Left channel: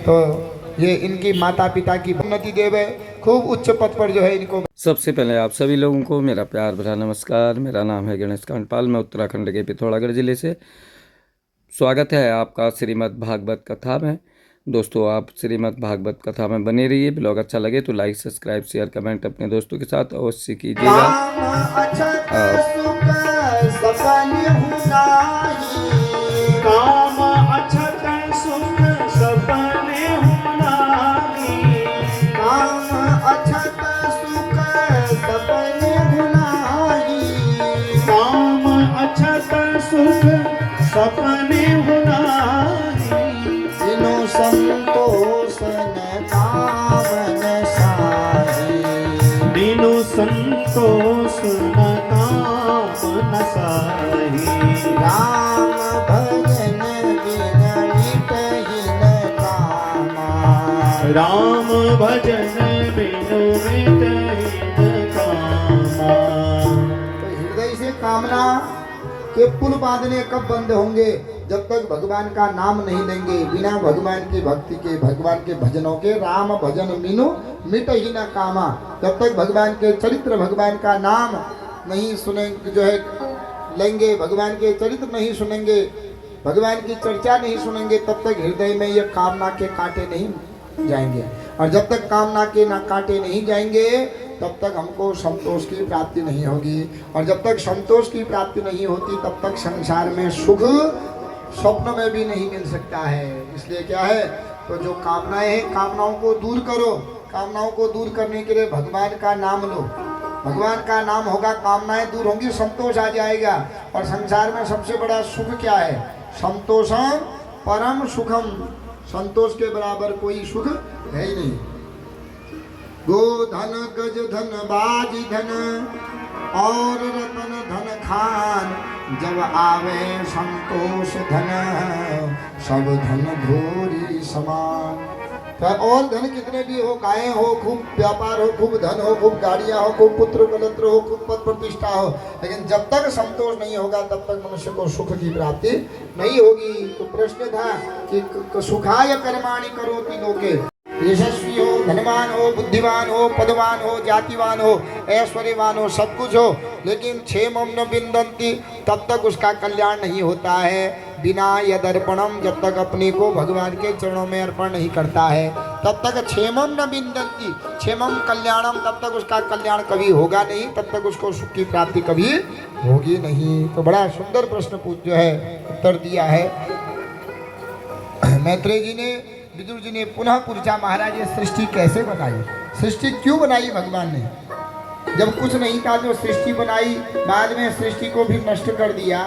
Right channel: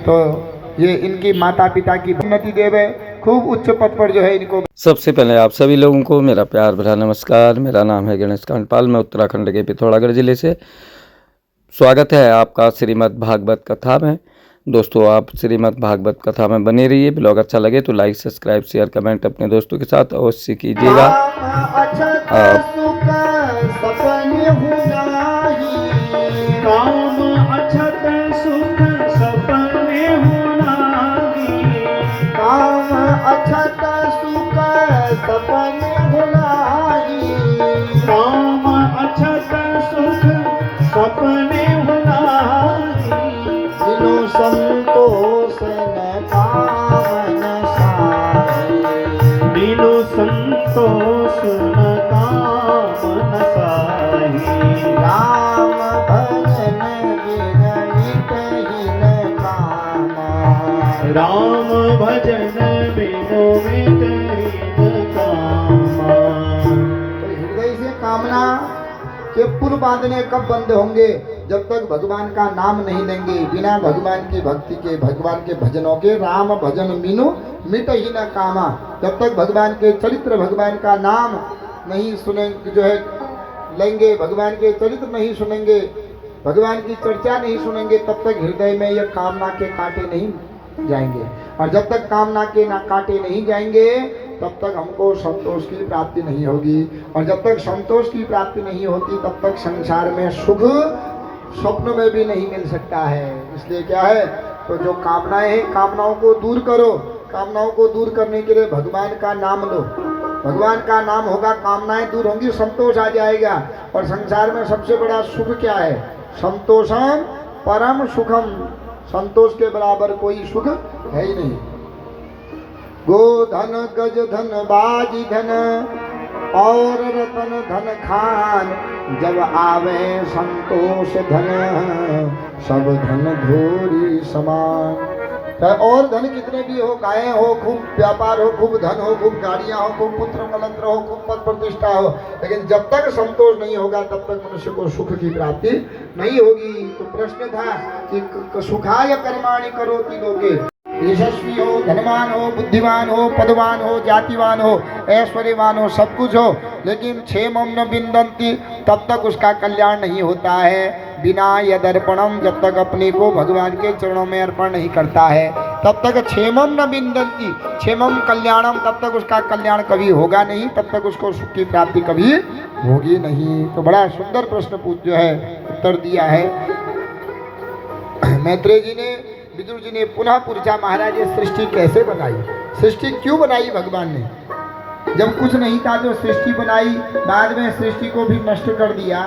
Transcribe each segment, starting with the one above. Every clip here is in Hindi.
तो ये इनकी माता पिता की उन्नति देवे, खूब उच्च पद पर जो है इनको। सबसे पहले आप सभी लोगों को मेरा प्यार भरा नमस्कार। मेरा नाम है गणेश कांडपाल। मैं उत्तराखंड के पिथौरागढ़ जिले से। स्वागत है आपका श्रीमद् भागवत कथा में। दोस्तों, आप श्रीमद् भागवत कथा में बने रहिए। ब्लॉग अच्छा लगे तो लाइक, सब्सक्राइब, शेयर, कमेंट अपने दोस्तों के साथ अवश्य कीजिएगा। सपने दिनो संतोष न कामन साहे, दिनो संतोष न कामन साहे। राम भजन बिन मिटहि न कामा, राम भजन बिनु मिटहि न कामा। तो हृदय से कामना के पुल बांधने कब बंद होंगे? जब तक भगवान का नाम नहीं लेंगे। बिना भगवान की भक्ति के, भगवान के भजनों के, राम भजन मीनू मिट ही न कामा। जब तक भगवान के चरित्र, भगवान का नाम नहीं सुनेंगे, जो है लेंगे, भगवान के चरित्र नहीं सुनेंगे, भगवान की चर्चा नहीं सुनेंगे, तब तक हृदय में यह कामना के कांटे नहीं जाएंगे। और जब तक कामना के कांटे नहीं जाएंगे तब तक हमको संतोष की प्राप्ति नहीं होगी। और जब तक संतोष की प्राप्ति नहीं होती तब तक संसार में सुख स्वप्न में भी नहीं मिल सकता है। इसलिए क्या है, तो जो कामनाएं हैं, कामनाओं को दूर करो। कामनाओं को दूर करने के लिए भगवान का नाम लो। भगवान का नाम होगा, कामनाएं दूर होंगी, संतोष आ जाएगा। और संसार में सबसे बड़ा सुख क्या है? संतोषम परम सुखम। संतोष के बराबर कोई सुख है ही नहीं। गो धन, गज धन, बाजी धन और रतन धन खान, जब आवे संतोष धन, सब धन धोरी समान। और धन कितने भी हो, गायें हो, खूब व्यापार हो, खूब धन हो, खूब गाड़ियां हो, खूब पुत्र कलत्र हो, खूब पद प्रतिष्ठा हो, लेकिन जब तक संतोष नहीं होगा तब तक मनुष्य को सुख की प्राप्ति नहीं होगी। तो प्रश्न था कि सुखाय कर्माणि करोति लोके, यशस्वी हो, धनवान हो, बुद्धिमान हो, पदवान हो, जातिवान हो, ऐश्वर्यवान हो, सब कुछ हो, लेकिन क्षेमम न बिंदन्ति, तब तक उसका कल्याण नहीं होता है। बिना यदर्पणम, जब तक अपने को भगवान के चरणों में अर्पण नहीं करता है तब तक क्षेमम न बिंदन्ति, क्षेमम कल्याणम, तब तक उसका कल्याण कभी होगा नहीं, तब तक उसको सुख की प्राप्ति कभी होगी नहीं। तो बड़ा सुंदर प्रश्न जो है उत्तर दिया है मैत्रेय जी ने। विदुर जी ने पुनः पूछा, महाराज ये सृष्टि कैसे बनाई? सृष्टि क्यों बनाई भगवान ने? जब कुछ नहीं था तो सृष्टि बनाई, बाद में सृष्टि को भी नष्ट कर दिया,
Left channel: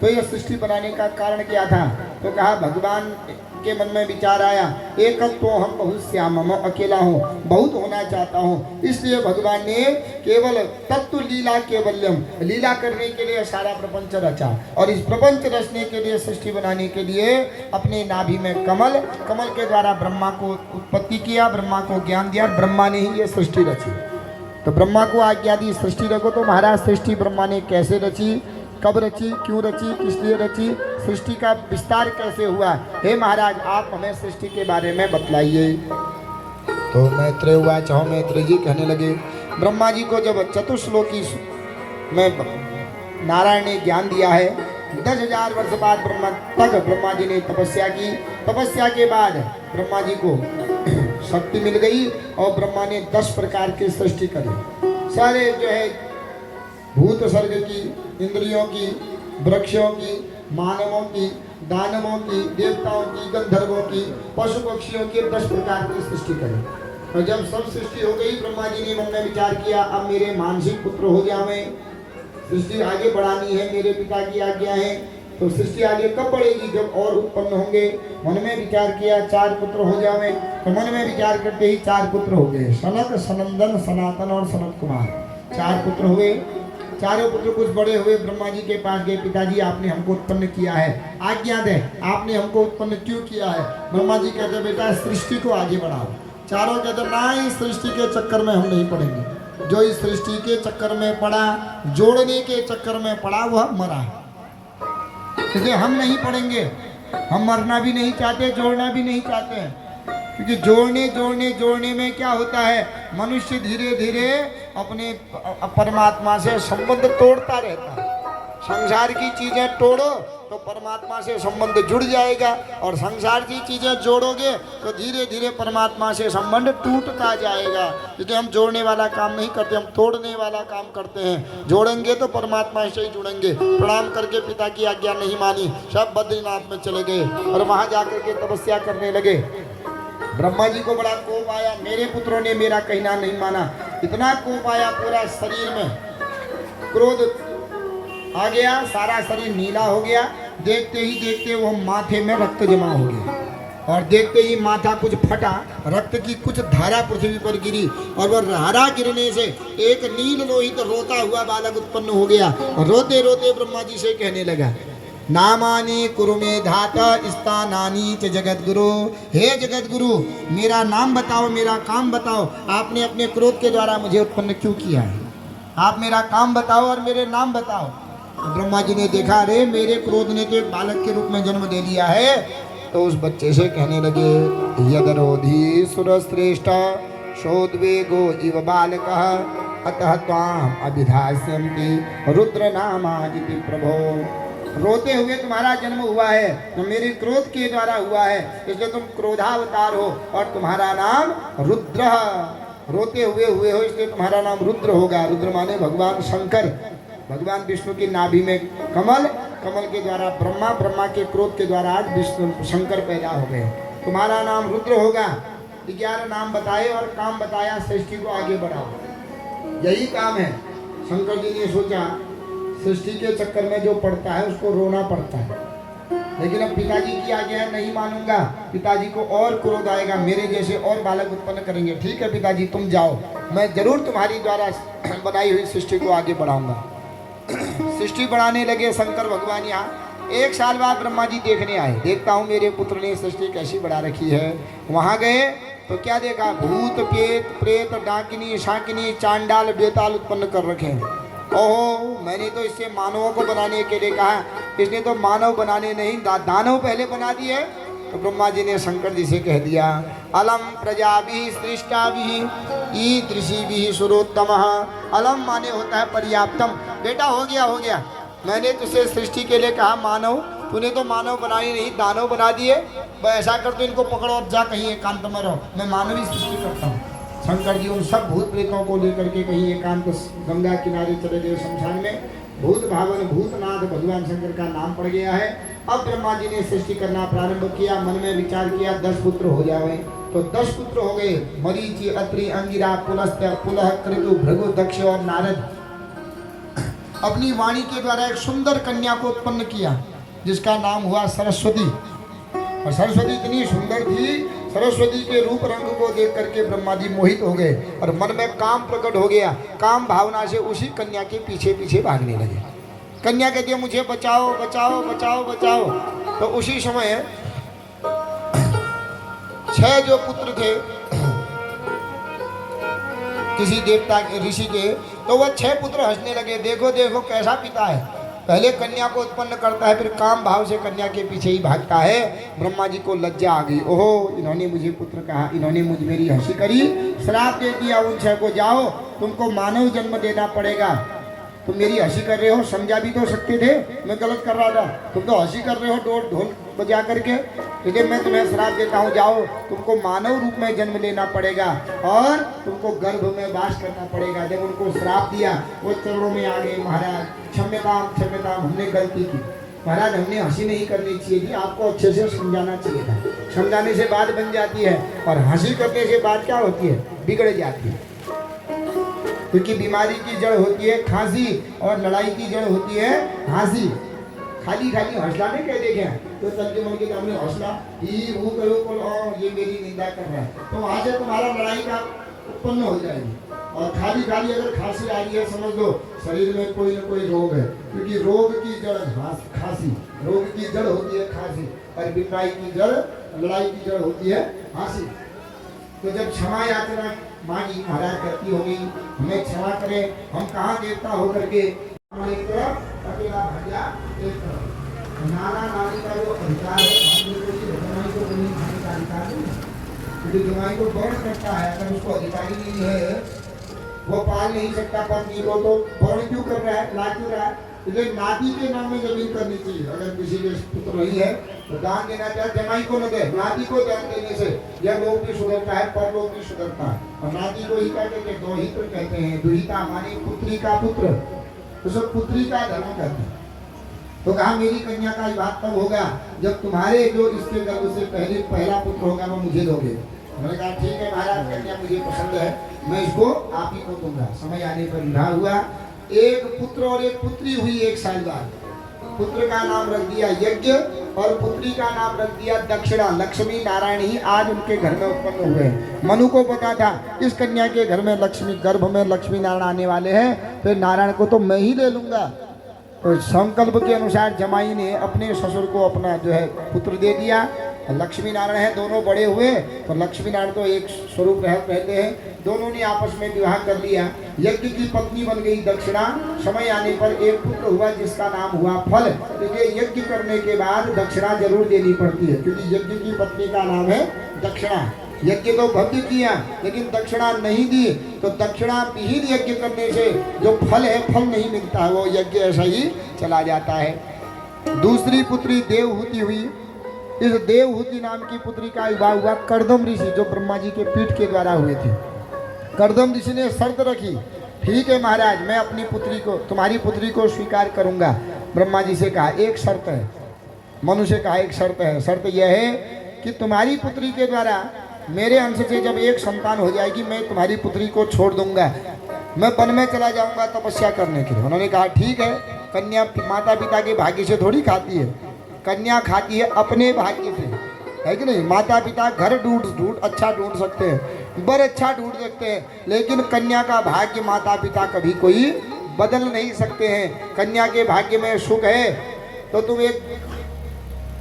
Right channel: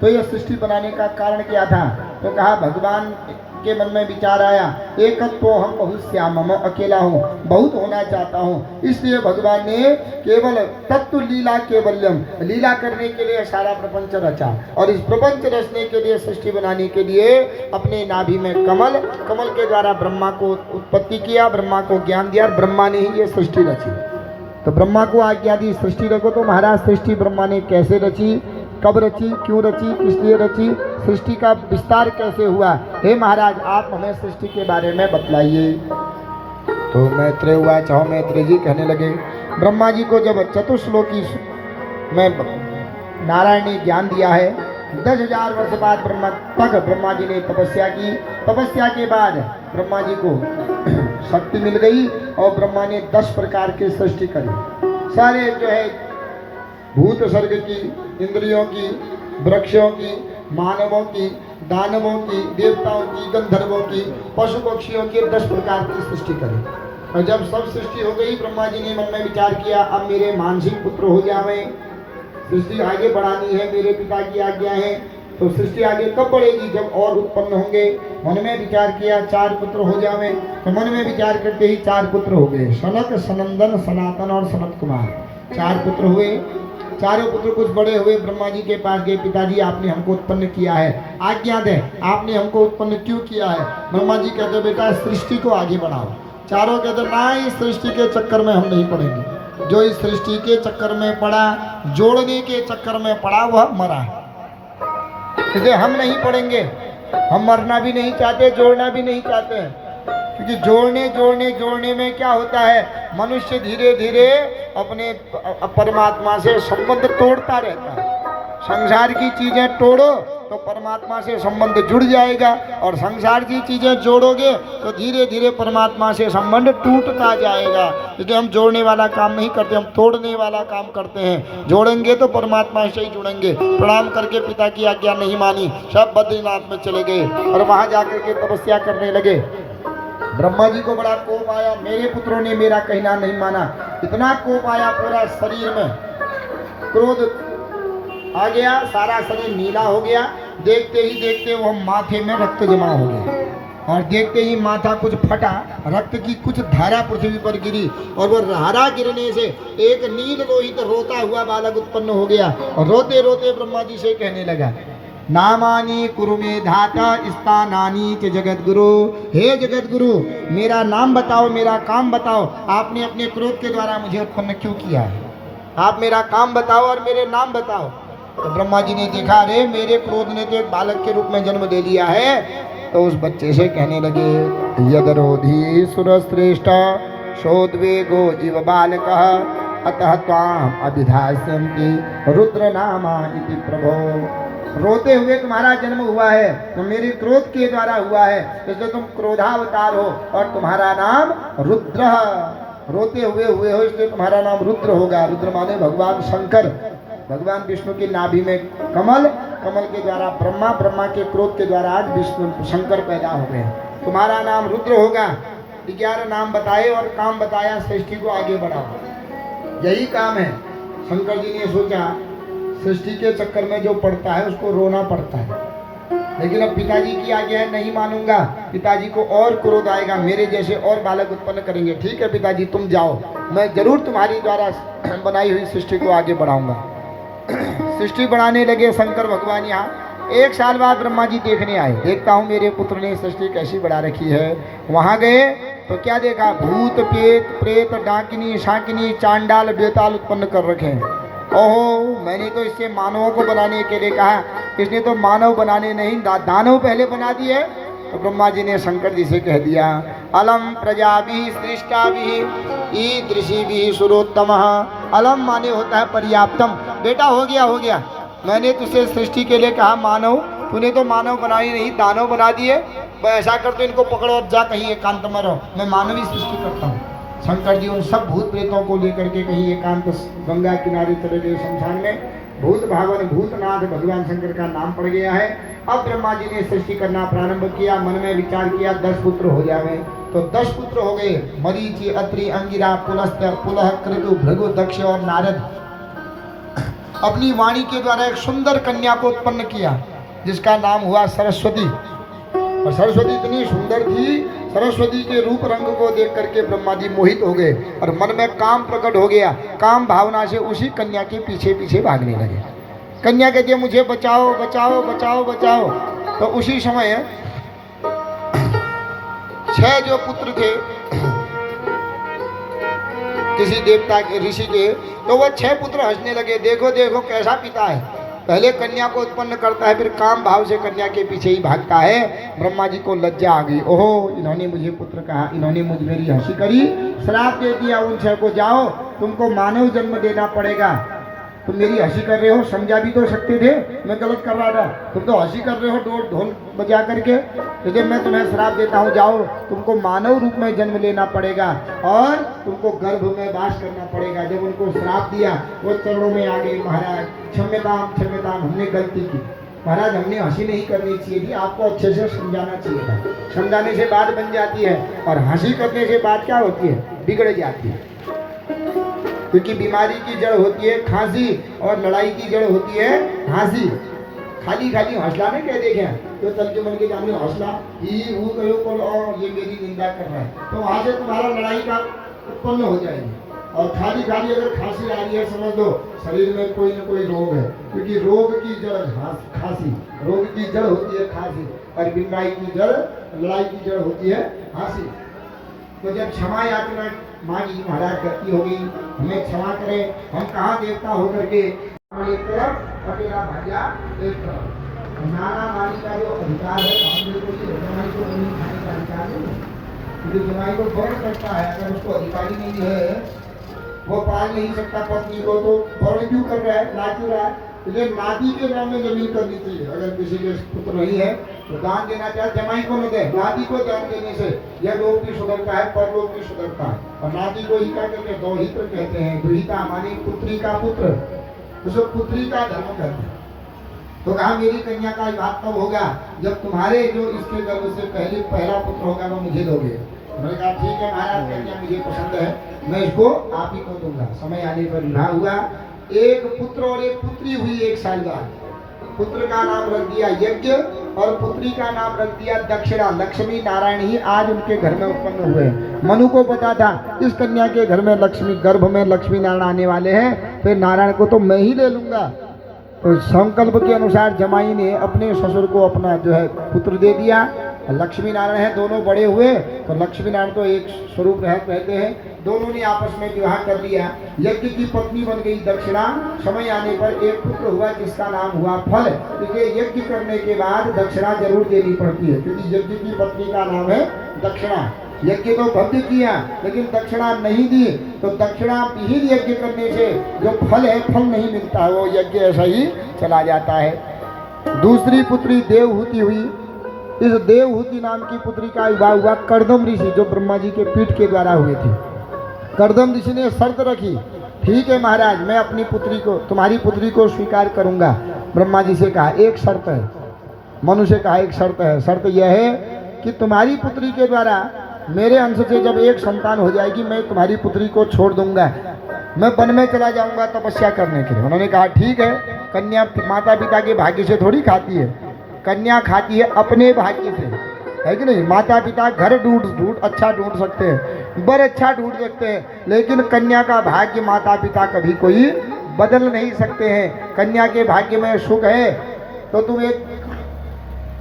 तो यह सृष्टि बनाने का कारण क्या था? तो कहा, भगवान के मन में विचार आया, एकत्व हम बहुत श्याम, मैं अकेला हूँ, बहुत होना चाहता हूँ, इसलिए भगवान ने केवल तत्व लीला केवल्यम, लीला करने के लिए सारा प्रपंच रचा। और इस प्रपंच रचने के लिए, सृष्टि बनाने के लिए अपने नाभि में कमल, कमल के द्वारा ब्रह्मा को उत्पत्ति किया, ब्रह्मा को ज्ञान दिया, ब्रह्मा ने ही ये सृष्टि रची। तो ब्रह्मा को आज्ञा दी सृष्टि रखो। तो महाराज सृष्टि ब्रह्मा ने कैसे रची, कब रची, क्यों रची, किस लिए रची, सृष्टि का विस्तार कैसे हुआ? हे महाराज, आप हमें सृष्टि के बारे में बतलाइए। तो मैत्रेय हुआ, चाहो मैत्रेय जी कहने लगे, ब्रह्मा जी को जब चतुश्लोकी में नारायण ने ज्ञान दिया है, 10,000 वर्ष बाद ब्रह्मा जी ने तपस्या की। तपस्या के बाद ब्रह्मा जी को शक्ति मिल गई और ब्रह्मा ने 10 प्रकार की सृष्टि करी। सारे जो है भूत सर्ग की, इंद्रियों की, वृक्षों की, मानवों की, दानवों की, देवताओं की, गंधर्वों की, पशु पक्षियों की 10 प्रकार की सृष्टि करी। और जब सब सृष्टि हो गई, ब्रह्मा जी ने मन में विचार किया, अब मेरे मानसिक पुत्र हो जावे, सृष्टि आगे बढ़ानी है, मेरे पिता की आज्ञा है। तो सृष्टि आगे कब बढ़ेगी? जब और उत्पन्न होंगे। मन में विचार किया, 4 पुत्र हो जावे। तो मन में विचार करते ही 4 पुत्र हो गए, सनक, सनंदन, सनातन और सनत कुमार। 4 पुत्र हुए। चारों पुत्र कुछ बड़े हुए, ब्रह्मा जी के पास गए, पिताजी आपने हमको उत्पन्न किया है, आज्ञा दे, आपने हमको उत्पन्न क्यों किया है? ब्रह्मा जी कहते, बेटा सृष्टि को आगे बढ़ाओ। चारों कहते, ना, इस सृष्टि के चक्कर में हम नहीं पड़ेंगे। जो इस सृष्टि के चक्कर में पड़ा, जोड़ने के चक्कर में पड़ा, वह मरा। क्योंकि हम नहीं पढ़ेंगे, हम मरना भी नहीं चाहते, जोड़ना भी नहीं चाहते हैं। क्योंकि जोड़ने में क्या होता है, मनुष्य धीरे धीरे अपने परमात्मा से संबंध तोड़ता रहता है। संसार की चीज़ें तोड़ो तो परमात्मा से संबंध जुड़ जाएगा, और संसार की चीज़ें जोड़ोगे तो धीरे धीरे परमात्मा से संबंध टूटता जाएगा। क्योंकि हम जोड़ने वाला काम नहीं करते, हम तोड़ने वाला काम करते हैं। जोड़ेंगे तो परमात्मा से ही जुड़ेंगे। प्रणाम करके पिता की आज्ञा नहीं मानी, सब बद्रीनाथ में चले गए और वहाँ जाकर के तपस्या करने लगे। ब्रह्मा जी को बड़ा कोप आया, मेरे पुत्रों ने मेरा कहना नहीं माना। इतना कोप आया, पूरा शरीर में क्रोध आ गया, सारा शरीर नीला हो गया। देखते ही देखते वो माथे में रक्त जमा हो गया, और देखते ही माथा कुछ फटा, रक्त की कुछ धारा पृथ्वी पर गिरी, और वो धारा गिरने से एक नील लोहित रोता हुआ बालक उत्पन्न हो गया। और रोते रोते ब्रह्मा जी से कहने लगा, नामानि कुरु मे धाता स्थानानि च जगद्गुरु। हे जगद्गुरु, मेरा नाम बताओ, मेरा काम बताओ। आपने अपने क्रोध के द्वारा मुझे उत्पन्न क्यों किया है? आप मेरा काम बताओ और मेरे नाम बताओ। तो ब्रह्मा जी ने देखा, अरे मेरे क्रोध ने तो एक बालक के रूप में जन्म दे लिया है। तो उस बच्चे से कहने लगे, यदरोधी सुरश्रेष्ठ शोद्वेगो इव बालकः अतः त्वाम अभिधास्यन्ति रुद्र नामा इति प्रभो। रोते हुए तुम्हारा जन्म हुआ है, तो मेरे क्रोध के द्वारा हुआ है, इसलिए तुम क्रोधावतार हो और तुम्हारा नाम रुद्र। रोते हुए हो इसलिए तुम्हारा नाम रुद्र होगा। रुद्र माने भगवान शंकर। भगवान विष्णु की नाभि में कमल, कमल के द्वारा ब्रह्मा, ब्रह्मा के क्रोध के द्वारा आज विष्णु शंकर पैदा हो गए। तुम्हारा नाम रुद्र होगा। 11 नाम बताए और काम बताया, सृष्टि को आगे बढ़ाओ, यही काम है। शंकर जी ने सोचा, सृष्टि के चक्कर में जो पड़ता है उसको रोना पड़ता है, लेकिन अब पिताजी की आज्ञा है, नहीं मानूंगा। पिताजी को और क्रोध आएगा, मेरे जैसे और बालक उत्पन्न करेंगे। ठीक है पिताजी, तुम जाओ, मैं जरूर तुम्हारी द्वारा बनाई हुई सृष्टि को आगे बढ़ाऊंगा। सृष्टि बनाने लगे शंकर भगवान। यहाँ 1 साल बाद ब्रह्मा जी देखने आए, देखता हूँ मेरे पुत्र ने सृष्टि कैसी बढ़ा रखी है। वहाँ गए तो क्या देखा, भूत पेत प्रेत डाकिनी शाकिनी चांडाल बेताल उत्पन्न कर रखे हैं। ओहो, मैंने तो इससे मानवों को बनाने के लिए कहा, इसने तो मानव बनाने नहीं दानव पहले बना दिए। तो ब्रह्मा जी ने शंकर जी से कह दिया, अलम प्रजाभिः सृष्टाभिः ईदृशीभिः सुरोत्तमः। अलम माने होता है पर्याप्तम, बेटा हो गया। मैंने तुझसे सृष्टि के लिए कहा मानव, तूने तो मानव बनाई नहीं, दानव बना दिए। ऐसा कर तो इनको पकड़ो और जा कहीं एकांत में रहो, मैं मानव ही सृष्टि करता हूँ। शंकर जी उन सब भूत प्रेतों को लेकर के कहीं एकांत गंगा किनारे चले गए शमशान में। भूत भावन भूतनाथ भगवान शंकर का नाम पड़ गया है। अब ब्रह्मा जी ने सृष्टि करना प्रारंभ किया, मन में विचार किया 10 पुत्र हो जाए। तो 10 पुत्र हो गए, मरीचि अत्रि अंगिरा पुलस्त्य पुलह कृतु भृगु दक्ष और नारद। अपनी वाणी के द्वारा एक सुंदर कन्या को उत्पन्न किया, जिसका नाम हुआ सरस्वती। और सरस्वती इतनी सुंदर थी, सरस्वती के रूप रंग को देख करके ब्रह्मा जी मोहित हो गए और मन में काम प्रकट हो गया। काम भावना से उसी कन्या के पीछे पीछे भागने लगे। कन्या कहती है, मुझे बचाओ बचाओ बचाओ बचाओ। तो उसी समय 6 जो पुत्र थे किसी देवता के ऋषि के, तो वो 6 पुत्र हंसने लगे, देखो देखो कैसा पिता है, पहले कन्या को उत्पन्न करता है, फिर काम भाव से कन्या के पीछे ही भागता है। ब्रह्मा जी को लज्जा आ गई, ओहो इन्होंने मुझे पुत्र कहा, इन्होंने मुझ मेरी हंसी करी, श्राप दे दिया उन 6 को, जाओ तुमको मानव जन्म देना पड़ेगा। तुम मेरी हंसी कर रहे हो, समझा भी तो सकते थे मैं गलत कर रहा था, तुम तो हंसी कर रहे हो ढोल बजा करके। तो मैं तुम्हें श्राप देता हूँ, जाओ तुमको मानव रूप में जन्म लेना पड़ेगा और तुमको गर्भ में वास करना पड़ेगा। जब उनको श्राप दिया वो चरणों में आ गए, महाराज क्षम्यताम क्षम्यताम, हमने गलती की महाराज, हमने हंसी नहीं करनी चाहिए थी, आपको अच्छे से समझाना चाहिए था। समझाने से बात बन जाती है और हंसी करने से बात क्या होती है, बिगड़ जाती है। क्योंकि बीमारी की जड़ होती है खांसी और लड़ाई की जड़ होती है हंसी। खाली खाली हौसला नहीं कह देखे तो तंजु मन के सामने हौसला ये मेरी निंदा कर रहा है, तो वहां से तुम्हारा लड़ाई का उत्पन्न हो जाएगी। और खाली खाली अगर खांसी आ रही है, समझ लो शरीर में कोई ना कोई रोग है, क्योंकि रोग की जड़ खांसी, रोग की जड़ होती है खांसी और बीमारी की जड़, लड़ाई की जड़ होती है हंसी। तो जब क्षमा याचना मांगी, महाराज गलती हो गई, हमें क्षमा करें, हम कहाँ देवता होकर के एक तरफ अकेला भाग्या एक तरफ। नाना नानी का जो अधिकार है हम लोगों को जमाई को नहीं खाने का अधिकार नहीं है, क्योंकि जमाई को वर्ण करता है, अगर उसको अधिकारी नहीं है, वो पाल नहीं सकता पत्नी को, तो वर्ण क्यों कर रहा है, ला क्यों रहा है? इसलिए नाती के नाम में जमीन करनी चाहिए। अगर किसी के पुत्र नहीं है तो दान देना चाहे जमाई को न दे, नाती को दान देने से यह लोग भी सुधरता है, परलोक भी सुधरता है। और नाती को ही क्या कहते हैं, दोहित्र कहते हैं। दुहिता माने पुत्री का पुत्र, उसको पुत्री का धर्म कहते हैं। तो कहा मेरी कन्या का बात तब होगा जब तुम्हारे जो इसके गर्भ से पहला पुत्र होगा वो मुझे दोगे। मैंने कहा ठीक है महाराज, कन्या मुझे पसंद है, मैं इसको आप ही को दूंगा। समय आने पर विवाह हुआ, एक पुत्र और एक पुत्री हुई 1 साल बाद। पुत्र का नाम रख दिया यज्ञ और पुत्री का नाम रख दिया दक्षिणा। लक्ष्मी नारायण ही आज उनके घर में उत्पन्न हुए। मनु को पता था इस कन्या के घर में लक्ष्मी, गर्भ में लक्ष्मी नारायण आने वाले हैं, फिर नारायण को तो मैं ही ले लूंगा। तो संकल्प के अनुसार जमाई ने अपने ससुर को अपना जो है पुत्र दे दिया। लक्ष्मी नारायण है, दोनों बड़े हुए तो लक्ष्मी नारायण तो एक स्वरूप रहते हैं, दोनों ने आपस में विवाह कर लिया। यज्ञ की पत्नी बन गई दक्षिणा। समय आने पर एक पुत्र हुआ जिसका नाम हुआ फल। क्योंकि यज्ञ करने के बाद दक्षिणा जरूर देनी पड़ती है, क्योंकि यज्ञ की पत्नी का नाम है दक्षिणा। यज्ञ तो भव्य किया लेकिन दक्षिणा नहीं दी, तो दक्षिणा विहीन यज्ञ करने से जो फल है फल नहीं मिलता है, वो यज्ञ ऐसा ही चला जाता है। दूसरी पुत्री देवहूति हुई। इस देवहूति नाम की पुत्री का विवाह हुआ कर्दम ऋषि, जो ब्रह्मा जी के पीठ के द्वारा हुए थे। कर्दम ऋषि ने शर्त रखी, ठीक है महाराज मैं अपनी पुत्री को, तुम्हारी पुत्री को स्वीकार करूंगा। ब्रह्मा जी से कहा एक शर्त है, मनु से कहा एक शर्त है, शर्त यह है कि तुम्हारी पुत्री के द्वारा मेरे अंश से जब एक संतान हो जाएगी मैं तुम्हारी पुत्री को छोड़ दूंगा, मैं वन में चला जाऊंगा तपस्या करने के लिए। उन्होंने कहा ठीक है। कन्या माता पिता के भाग्य से थोड़ी खाती है, कन्या खाती है अपने भाग्य से, है कि नहीं। माता पिता घर ढूंढ अच्छा ढूंढ सकते हैं, बर अच्छा ढूंढ सकते हैं, लेकिन कन्या का भाग्य माता पिता कभी कोई बदल नहीं सकते हैं। कन्या के भाग्य में सुख है तो तुम एक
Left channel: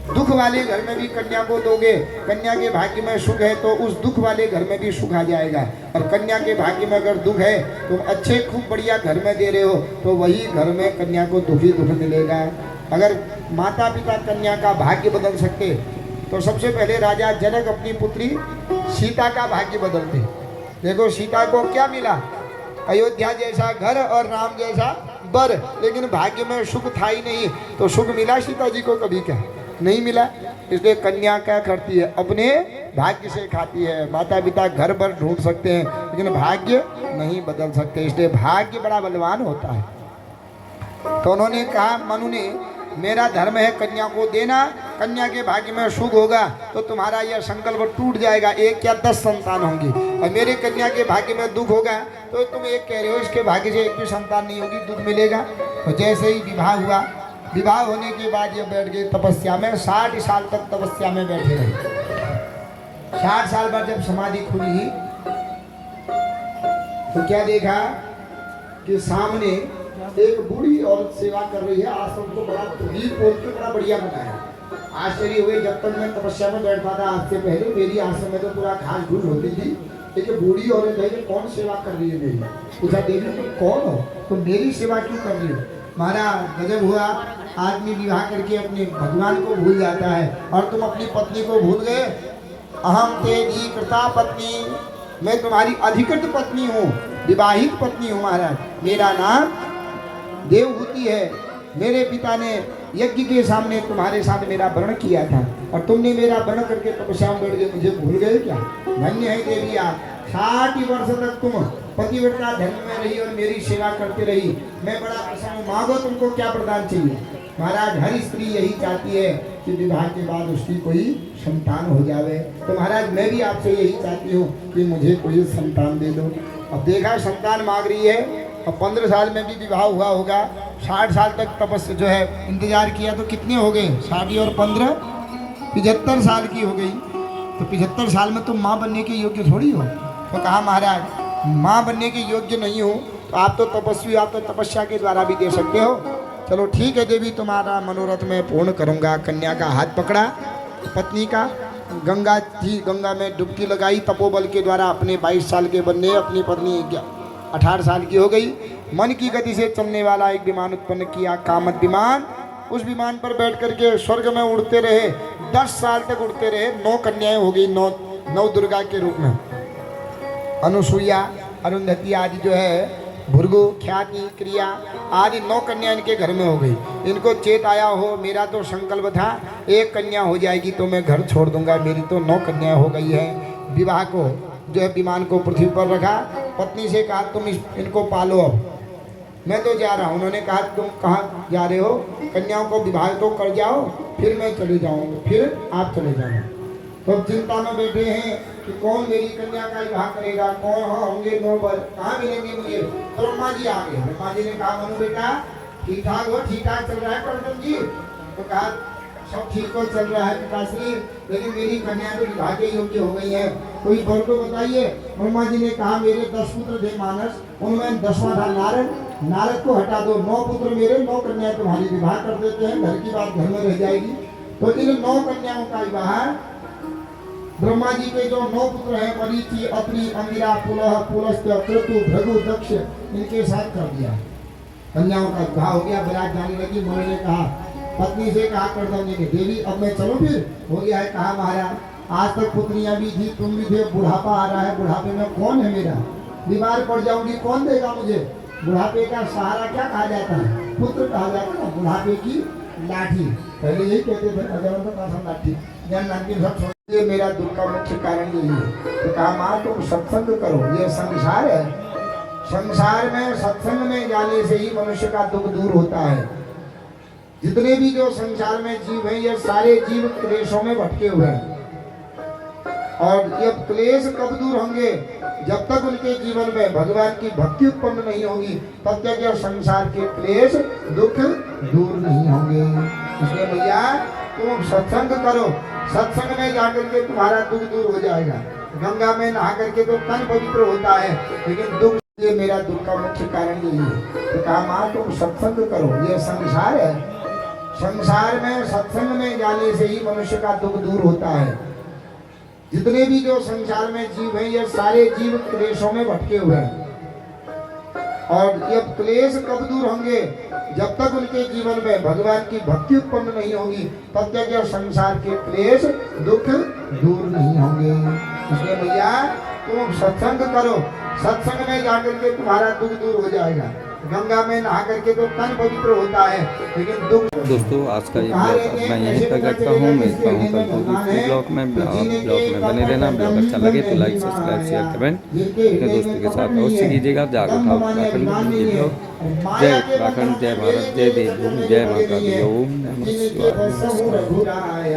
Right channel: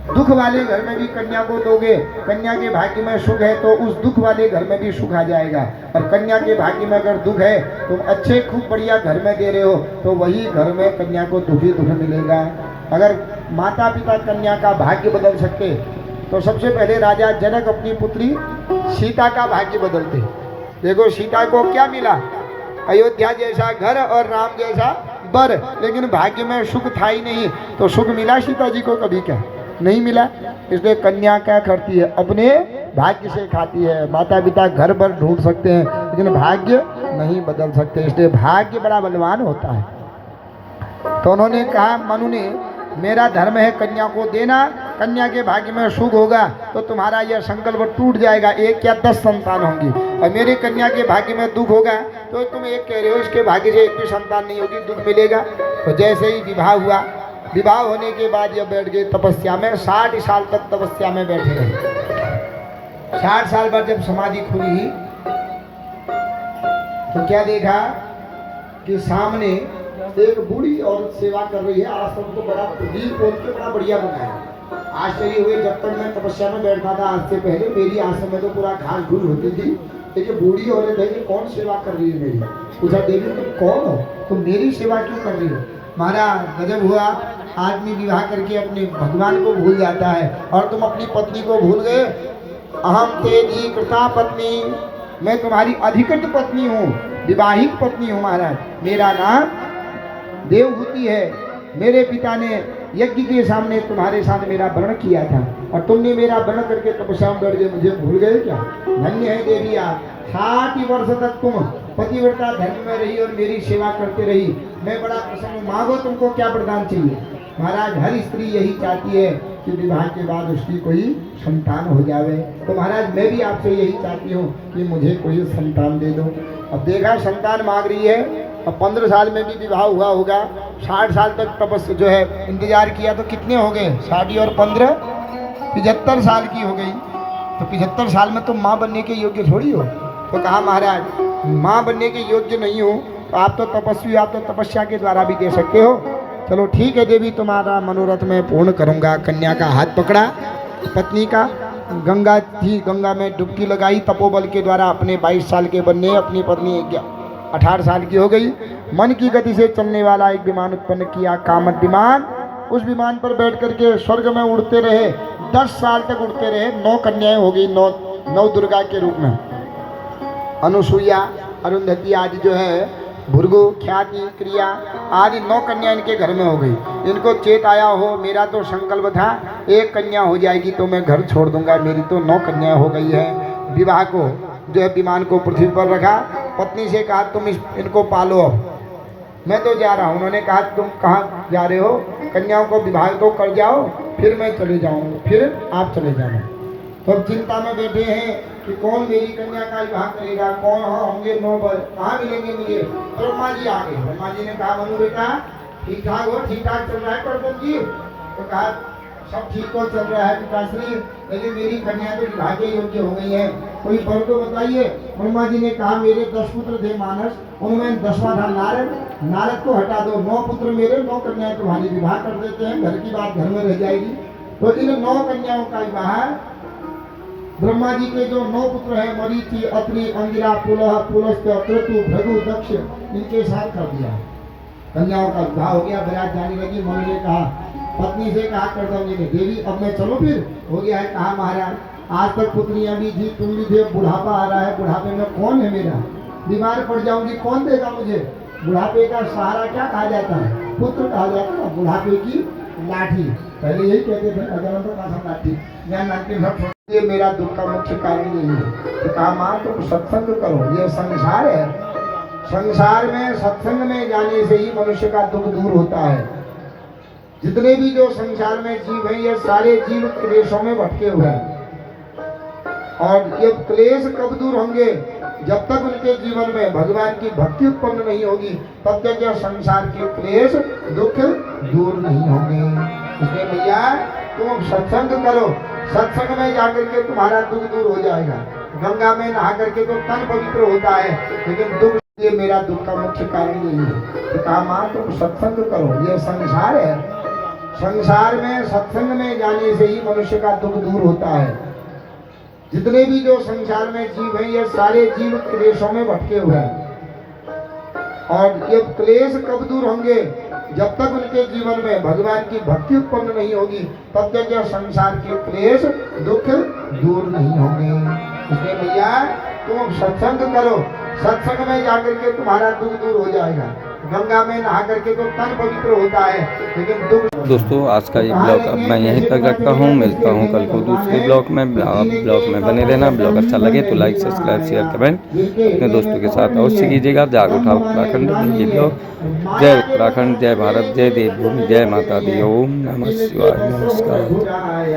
दुख वाले घर में भी कन्या को दोगे, कन्या के भाग्य में सुख है तो उस दुख वाले घर में भी सुख आ जाएगा। और कन्या के भाग्य में अगर दुख है तुम अच्छे खूब बढ़िया घर में दे रहे हो तो वही घर में कन्या को दुख मिलेगा। अगर माता पिता कन्या का भाग्य बदल सकते तो सबसे पहले राजा जनक अपनी पुत्री सीता का भाग्य बदलते। देखो सीता को क्या मिला, अयोध्या जैसा घर और राम जैसा बर, लेकिन भाग्य में सुख था ही नहीं। तो सुख मिला सीता जी को कभी क्या नहीं मिला। इसलिए कन्या क्या करती है, अपने भाग्य से खाती है। माता पिता घर भर ढूंढ सकते हैं लेकिन भाग्य नहीं बदल सकते, इसलिए भाग्य बड़ा बलवान होता है। तो उन्होंने कहा, मनु ने, मेरा धर्म है कन्या को देना, कन्या के भाग्य में सुख होगा तो तुम्हारा यह संकल्प टूट जाएगा, 1 या 10 संतान होंगी। और मेरी कन्या के भाग्य में दुख होगा तो तुम एक कह रहे हो इसके भाग्य से एक भी संतान नहीं होगी, दुख मिलेगा। तो जैसे ही विवाह हुआ, विवाह होने के बाद यह बैठ गए तपस्या में, 60 साल तक तपस्या में बैठे रहे। 60 साल बाद जब समाधि खुली तो क्या देखा कि सामने एक बूढ़ी औरत सेवा कर रही है। आश्रम को बड़ा हील खोल के बड़ा बढ़िया बनाया। आश्चर्य हुए, जब तक मैं तपस्या में बैठता था आज से पहले मेरी आश्रम में तो पूरा घास घूस होती थी, लेकिन बूढ़ी औरत है, कौन सेवा कर रही है मेरी। पूछा, देवी तुम कौन हो, तुम मेरी सेवा क्यों कर रही हो। महाराज गजब हुआ, आदमी विवाह करके अपने भगवान को भूल जाता है और तुम अपनी पत्नी को भूल गए। अहम तेरी कृता पत्नी, मैं तुम्हारी अधिकृत पत्नी हूँ, विवाहित पत्नी हूँ महाराज। मेरा नाम देवहूति है। मेरे पिता ने यज्ञ के सामने तुम्हारे साथ मेरा वर्ण किया था और तुमने मेरा वर्ण करके तपस्या में बैठ गए, मुझे भूल गए क्या। धन्य है देवी आप, 60 वर्ष तक तुम पतिव्रता धर्म में रही और मेरी सेवा करते रही, मैं बड़ा प्रसन्न हूँ। मांगो तुमको क्या प्रदान चाहिए। महाराज हर स्त्री यही चाहती है कि विवाह के बाद उसकी कोई संतान हो जावे। तो महाराज मैं भी आपसे यही चाहती हूँ कि मुझे कोई संतान दे दो। अब देखा संतान मांग रही है, अब 15 साल में भी विवाह हुआ होगा, 60 साल तक तपस्या जो है इंतजार किया, तो कितने हो गए, 60 और 15 75 साल की हो गई। तो 75 साल में तुम माँ बनने के योग्य थोड़ी हो। तो कहा महाराज माँ बनने के योग्य नहीं हो तो आप तो तपस्वी, आप तो तपस्या के द्वारा भी दे सकते हो। चलो ठीक है देवी, तुम्हारा मनोरथ मैं पूर्ण करूँगा। कन्या का हाथ पकड़ा पत्नी का, गंगा थी, गंगा में डुबकी लगाई तपोबल के द्वारा। अपने 22 साल के बनने, अपनी पत्नी 18 साल की हो गई। मन की गति से चलने वाला एक विमान उत्पन्न किया, कामत विमान। उस विमान पर बैठ करके स्वर्ग में उड़ते रहे, 10 साल तक उड़ते रहे। 9 कन्याएं हो गई, 9 दुर्गा के रूप में। अनुसुईया, अरुंधति आदि जो है, भृगु, ख्याति, क्रिया आदि 9 कन्या इनके घर में हो गई। इनको चेत आया हो, मेरा तो संकल्प था 1 कन्या हो जाएगी तो मैं घर छोड़ दूंगा, मेरी तो 9 कन्या हो गई है। विवाह को जो है विमान को पृथ्वी पर रखा। पत्नी से कहा तुम इनको पालो, अब मैं तो जा रहा हूँ। उन्होंने कहा तुम कहाँ जा रहे हो? कन्याओं को विवाह तो कर जाओ, फिर मैं चले जाऊँगा, फिर आप चले जाना। तो चिंता में बैठे हैं कि कौन मेरी कन्या का विवाह करेगा, कौन होंगे 9 वर, कहाँ मिलेंगे मुझे? ब्रह्मा जी आ गए। ब्रह्मा जी ने कहा मनु बेटा ठीक ठाक हो, ठीक ठाक चल रहा है कर्दम जी? तो कहा सब ठीक तो चल रहा है पिताश्री, लेकिन मेरी कन्या तो विवाह के योग्य हो गई है, कोई फल तो बताइए। ब्रह्मा जी ने कहा मेरे 10 पुत्र थे मानस, उनमें 10वां था नारद, नारद को हटा दो। 9 पुत्र मेरे, 9 कन्याएं तुम्हारी, विवाह कर देते हैं, घर की बात घर में रह जाएगी। तो इन 9 कन्याओं का विवाह ब्रह्मा जी के जो 9 पुत्र हैं, मरीचि, अत्रि, अंगिरा, पुलह, पुलस्त्य, क्रतु, भृगु, दक्ष, इनके साथ कर दिया। कन्याओं का विवाह हो गया। बरात जाने लगी। मम्मी ने कहा, पत्नी से कहा कर्दमी ने, देवी अब मैं चलो फिर? हो गया है। कहा महाराज आज तक पुत्रियां भी थी, तुम भी थे, बुढ़ापा आ रहा है, बुढ़ापे में कौन है मेरा? बीमार पड़ जाऊंगी, कौन देगा मुझे? बुढ़ापे का सहारा क्या कहा जाता है? पुत्र कहा जाता है। बुढ़ापे की लाठी, पहले यही कहते थे, अगर लाठी ये मेरा दुख का मुख्य कारण यही है। तो कहा माँ तुम सत्संग करो, ये संसार है, संसार में सत्संग में जाने से ही मनुष्य का दुख दूर होता है। जितने भी जो संसार में जीव हैं, ये सारे जीव क्लेशों में भटके हुए हैं, और ये क्लेश कब दूर होंगे? जब तक उनके जीवन में भगवान की भक्ति उत्पन्न नहीं होगी, तब तक यह संसार के क्लेश दुख दूर नहीं होंगे। इसलिए भैया तुम सत्संग करो, सत्संग में जाकर के तुम्हारा दुख दूर हो जाएगा। गंगा में नहा करके तो तन पवित्र होता है, लेकिन दुख, ये मेरा दुख का मुख्य कारण यही है। तो कहा माँ तुम सत्संग करो, ये संसार है, संसार में सत्संग में जाने से ही मनुष्य का दुख दूर होता है। जितने भी जो संसार में जीव हैं, ये सारे जीव क्लेशों में भटके हुए हैं, और ये क्लेश कब दूर होंगे? जब तक उनके जीवन में भगवान की भक्ति उत्पन्न नहीं होगी, तब तक यह संसार के क्लेश दुख दूर नहीं होंगे। इसलिए भैया तुम सत्संग करो, सत्संग में जाकर के तुम्हारा दुख दूर हो जाएगा। गंगा में नहा करके तो तन पवित्र होता है, लेकिन दुख। दोस्तों आज का ये ब्लॉग अब मैं यहीं तक रखता हूँ। मिलता हूँ कल को दूसरे ब्लॉग में। ब्लॉग में बने रहना। ब्लॉग अच्छा लगे तो लाइक, सब्सक्राइब, शेयर, कमेंट अपने दोस्तों के साथ अवश्य कीजिएगा। जाग उठा उत्तराखंड ये ब्लॉग। जय उत्तराखंड, जय भारत, जय देवभूमि, जय माता दी। ओम नमः शिवाय। नमस्कार।